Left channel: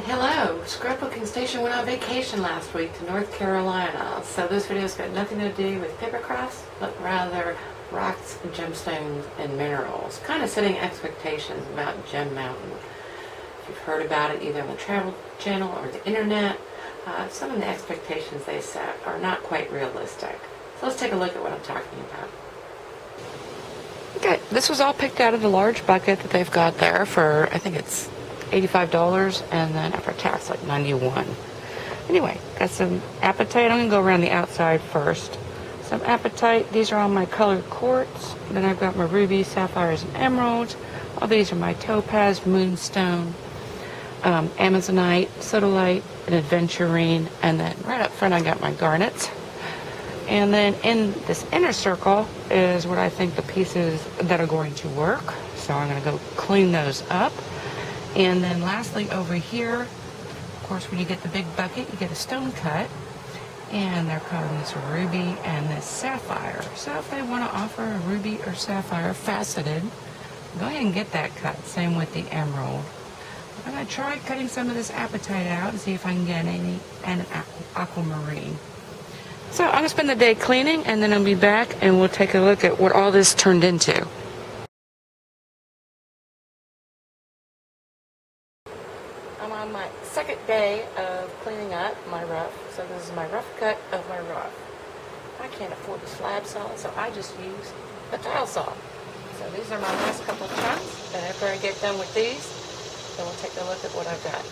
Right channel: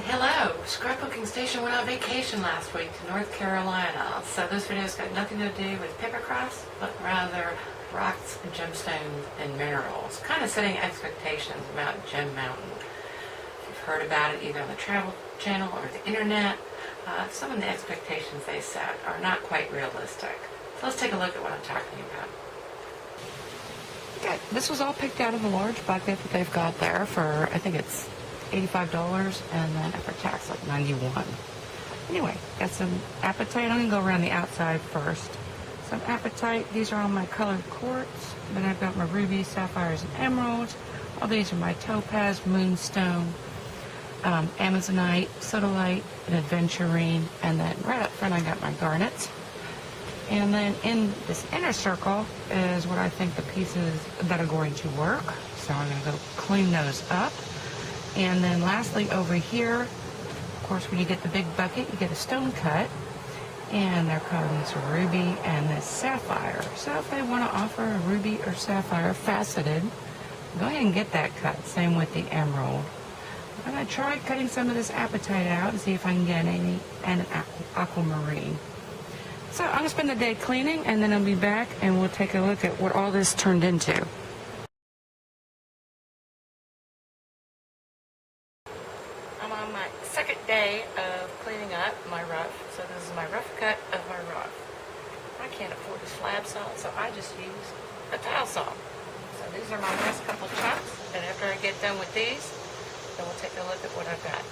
Hello, Scrapbooking Station went on vacation last week to North Carolina. So this video's got nothing to do with paper crafts, but rather rocks, gemstones, and minerals. Kind of setting expectations about Gem Mountain. If you've heard about it either on the Travel Channel or the internet, some of the expectations they set are not quite realistic. So let's take a look at what I'm talking about. Okay, this was all picked out of the large bucket that they've got there for, I think it's $85, and then after tax like $91. Anyway, got some apatite. I'm gonna go around the outside first. Some apatite. These are all my colored quartz. Then I've got my rubies, sapphires, and emeralds. All these are my topaz, moonstone, amazonite, sodalite, and aventurine. And then right up front I got my garnets. And then in this inner circle is what I think the pieces that are going to work. So I'm going to go clean those up. And then lastly over here, of course, when you get the big bucket, you get a stone cut. And they're calling this ruby and this sapphire. So if they want to offer a ruby or sapphire faceted, go ahead and get that cut. Same with the emerald. I'm going to try cutting some of this apatite out and see if I can get any and an aquamarine. So I'm going to spend the day cleaning, and then I'll be back and we'll take a look at what all this turned into. I'm on my second day of cleaning up my rough. So this is my rough cut of my rough. I can't afford a slab saw, so I just use a tile saw. So these are my last couple of chunks, and after I get done with these, then we'll take a look at what I've got.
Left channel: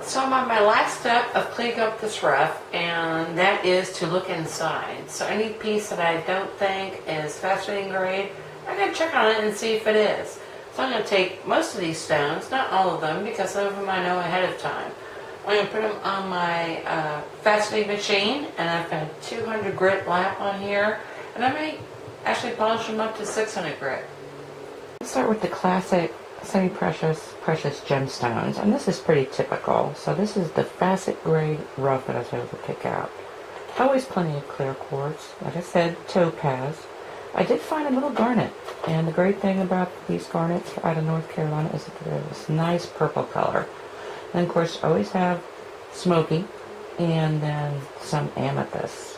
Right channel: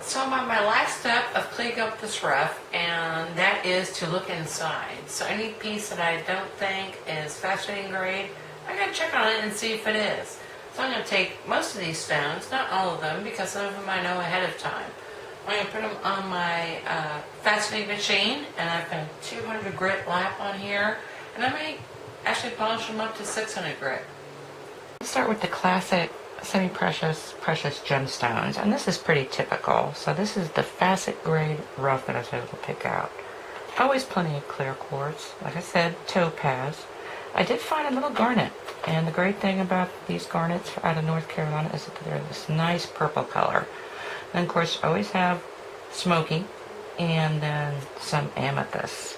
So I'm on my last step of cleaning up this rough, and that is to look inside. So any piece that I don't think is faceting grade, I gotta check on it and see if it is. So I'm gonna take most of these stones, not all of them, because some of them I know ahead of time. I'm gonna put them on my faceting machine, and I've got a 200 grit lap on here, and I may actually polish them up to 600 grit. Let's start with the classic semi-precious gemstones, and this is pretty typical. So this is the facet grade rough that I was able to pick out. Always plenty of clear quartz. Like I said, topaz. I did find a little garnet, and the great thing about these garnets out of North Carolina is that they're this nice purple color. And of course, always have smoky, and then some amethyst.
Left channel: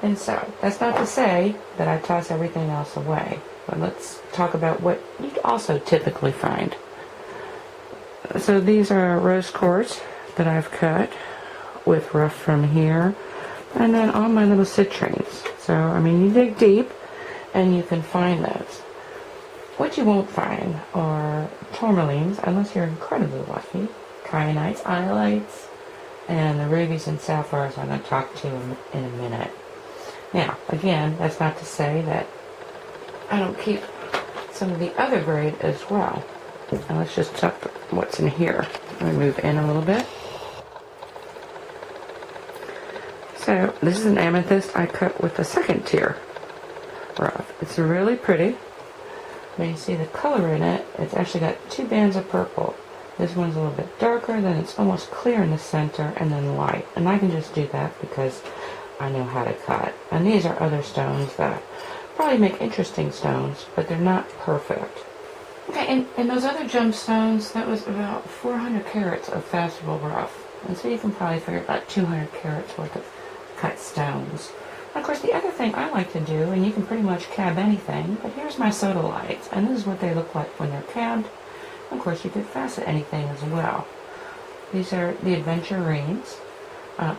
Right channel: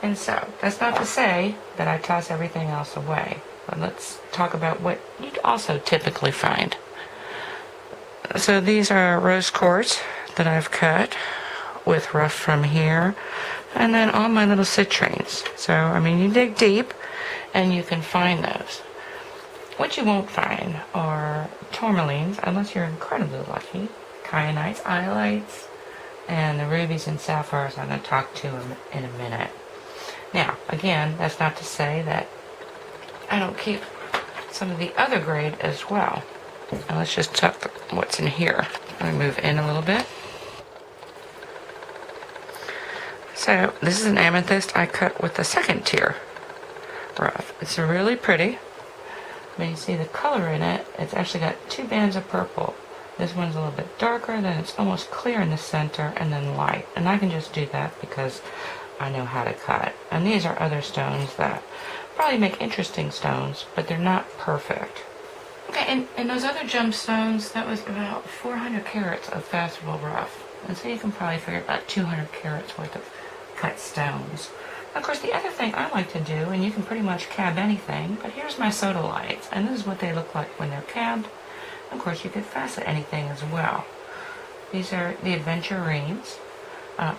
And so that's not to say that I toss everything else away. But let's talk about what you'd also typically find. So these are rose quartz that I've cut with rough from here. And then all my little citrines. So, I mean, you dig deep and you can find those. What you won't find are tourmalines, unless you're incredibly lucky. Kyanites, iolites, and the rubies and sapphires I'm going to talk to in a minute. Now, again, that's not to say that I don't keep some of the other grade as well. Now let's just tuck what's in here. Let me move in a little bit. So this is an amethyst I cut with the second tier rough. It's really pretty. When you see the color in it, it's actually got two bands of purple. This one's a little bit darker, then it's almost clear in the center, and then light. And I can just do that because I know how to cut. And these are other stones that probably make interesting stones, but they're not perfect. Okay, and those other gemstones, that was about 400 carats of faceable rough. And so you can probably figure about 200 carats worth of cut stones. And of course, the other thing I like to do, and you can pretty much cab anything, but here's my sodalites, and this is what they look like when they're cabbed. And of course, you could facet anything as well. These are the aventurines.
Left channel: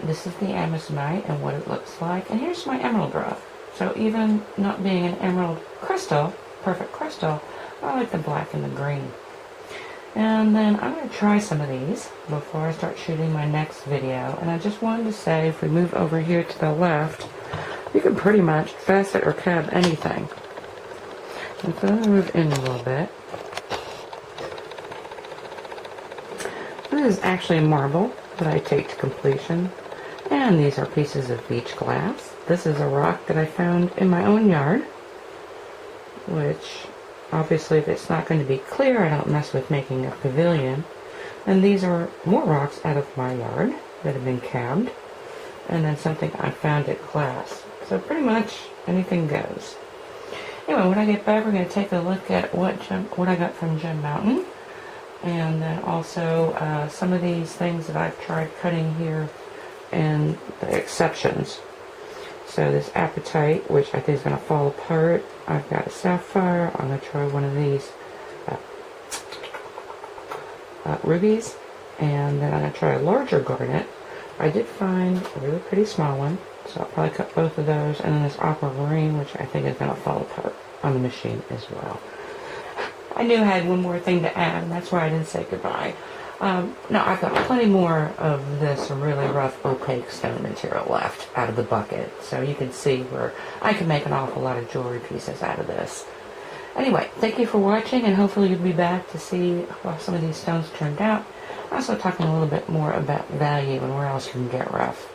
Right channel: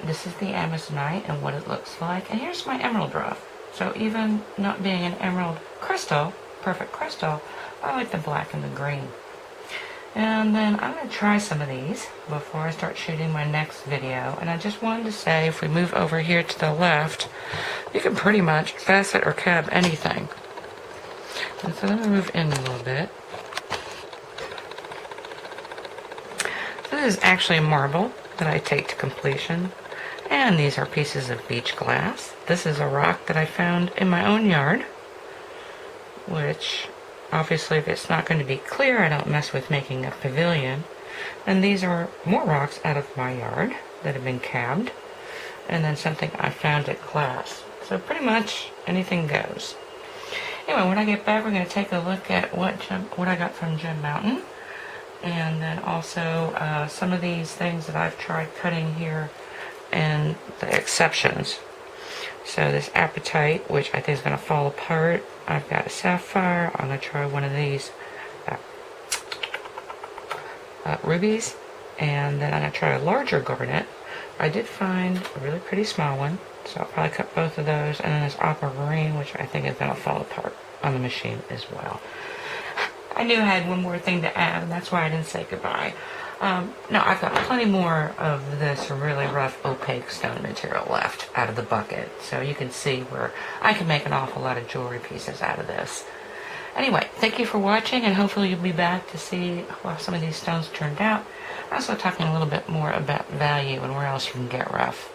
This is the amazonite and what it looks like. And here's my emerald rough. So even not being an emerald crystal, perfect crystal, I like the black and the green. And then I'm going to try some of these before I start shooting my next video. And I just wanted to say, if we move over here to the left, you can pretty much facet or cab anything. And so I'm going to move in a little bit. This is actually a marble that I take to completion. And these are pieces of beach glass. This is a rock that I found in my own yard, which obviously if it's not going to be clear, I don't mess with making a pavilion. And these are more rocks out of my yard that have been cabbed. and then something I found at class. So pretty much anything goes. Anyway, when I get back, we're going to take a look at what I got from Gem Mountain, and then also some of these things that I've tried cutting here and the exceptions. So this Apatite, which I think is going to fall apart. I've got a Sapphire. I'm going to try one of these rubies, and then I'm going to try a larger garnet. I did find a really pretty small one, so I'll probably cut both of those, and then this aquamarine, which I think is going to fall apart on the machine as well. I knew I had one more thing to add, and that's why I didn't say goodbye. No, I've got plenty more of this really rough opaque stone material left out of the bucket, so you can see where I can make an awful lot of jewelry pieces out of this. Anyway, thank you for watching, and hopefully you'll be back to see how some of these stones turned out. I'm also talking a little bit more about value and where else you can get rough.